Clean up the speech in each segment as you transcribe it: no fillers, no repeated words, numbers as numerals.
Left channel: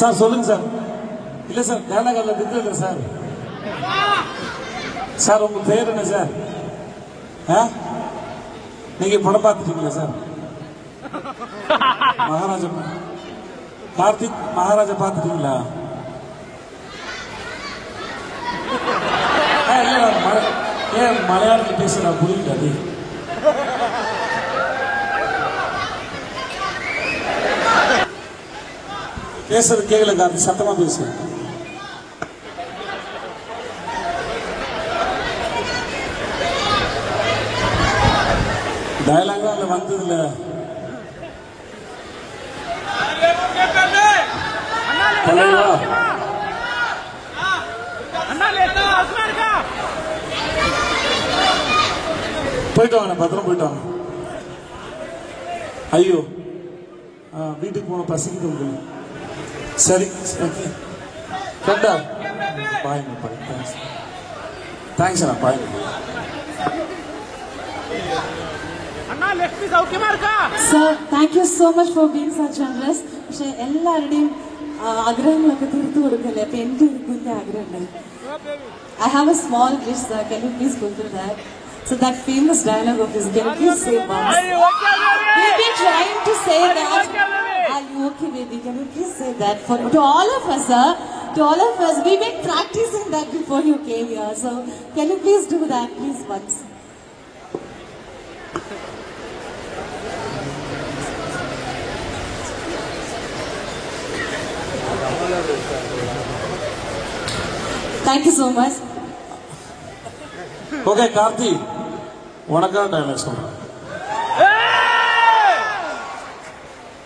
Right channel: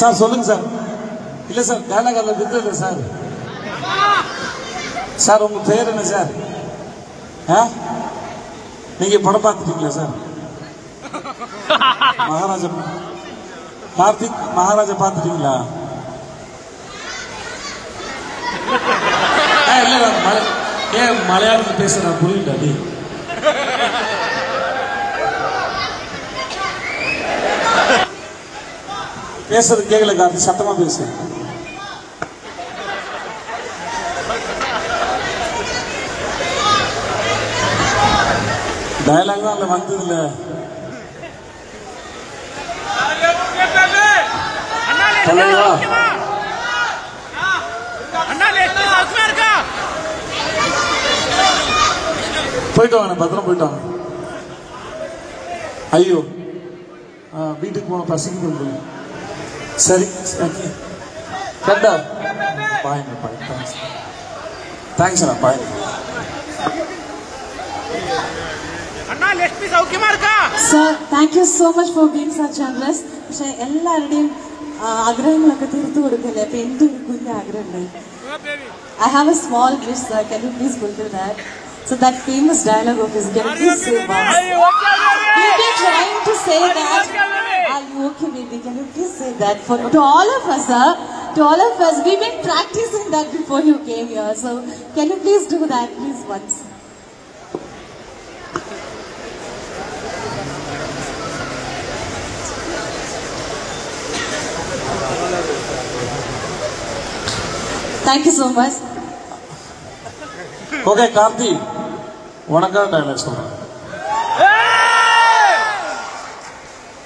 Sir சொல்லுங்க sir. இல்லை sir, dialogue அதில் வித்து இல்லை சார். சார் உங்க பேர் என்ன சார்? நீங்க படம் பார்த்துட்டீங்களா சார்? மகாராஜா, கார்த்திக் மகாராஜா பார்த்துட்டீங்களா? ஏன் மலையாளத்தில் பேசுறா புரியல? நீ பேசுறது கேட்கல கார்த்திக், சத்தமா பேசு. டயலாக் தான் வந்து இல்ல. தலைவா போயிட்டு வாங்க, பத்திரம் போயிட்டு வாங்க. ஐயோ வீட்டுக்கு போன பசங்க. சரி கண்டா பாய். தேங்க்ஸ் தேங்க்ஸ் அண்ணா, bye. Sir, thank you so much for being so generous. പക്ഷെ എല്ലാവരുടെയും ആഗ്രഹങ്ങളൊക്കെ തീർത്തു കൊടുക്കല്ലേ, അപ്പൊ എന്റെ ഒരു കുഞ്ഞ ആഗ്രഹമുണ്ട്. I have a small wish, sir. Can you please fulfill that? So that famous dialogue of his, can you please say that? We've been trying to say that. Are you okay, baby? Can you please say that to all of us, sir? To all of us, we've been practicing that before you came here. So can you please do that, please, once? Thank you so much. Okay, Karthi, உனக்காக dialogue சொல்றேன்.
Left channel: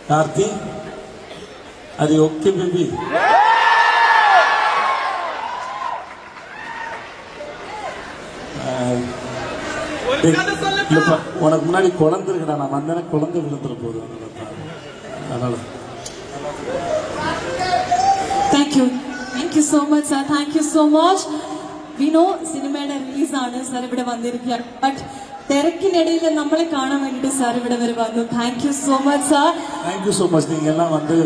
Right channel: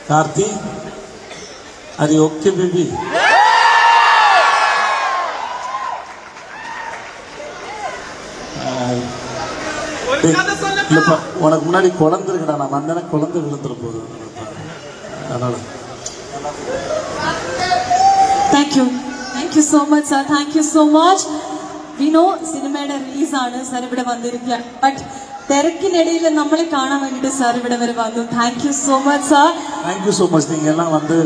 கார்த்தி, அது okay baby? இல்லப்பா, உனக்கு முன்னாடி குழந்தை இருக்கடா, நான் வந்தேன்னா குழந்தை விழுந்துட போகுது. அதனால Thank you so much, sir. Thank you so much. We know സിനിമയുടെ റിലീസ് ആണ് സാർ ഇവിടെ വന്നിരിക്കുക. ബട്ട് തിരക്കിനിടയിൽ നമ്മളെ കാണാൻ വേണ്ടിയിട്ട് സാർ ഇവിടെ വരെ വന്നു. Thank you so much sir. Thank you so much. நீங்கள் எல்லாம் வந்து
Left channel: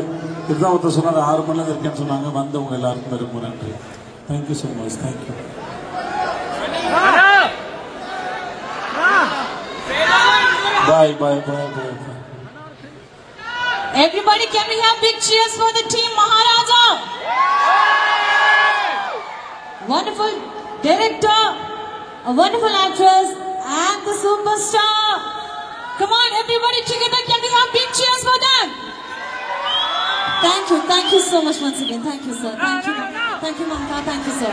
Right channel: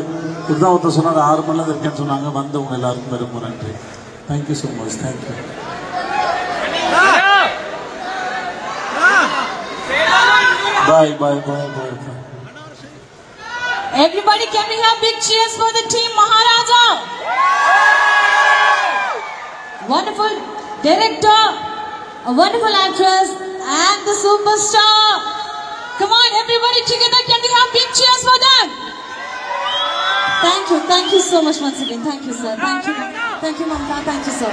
இப்பதான் ஒருத்தர் சொன்னாங்க 6 மணில இருக்கேன்னு சொன்னாங்க. வந்தவங்க எல்லாருக்கும் ரொம்ப நன்றி. Thank you so much. Thank you. Bye bye bye bye. Everybody, can we have big cheers for the team Maharaja? Wonderful director, a wonderful actress, and the superstar. Come on, everybody together, can we have big cheers for them? Thank you so much once again. Thank you, sir. Thank you, Mamta. Thank you, sir.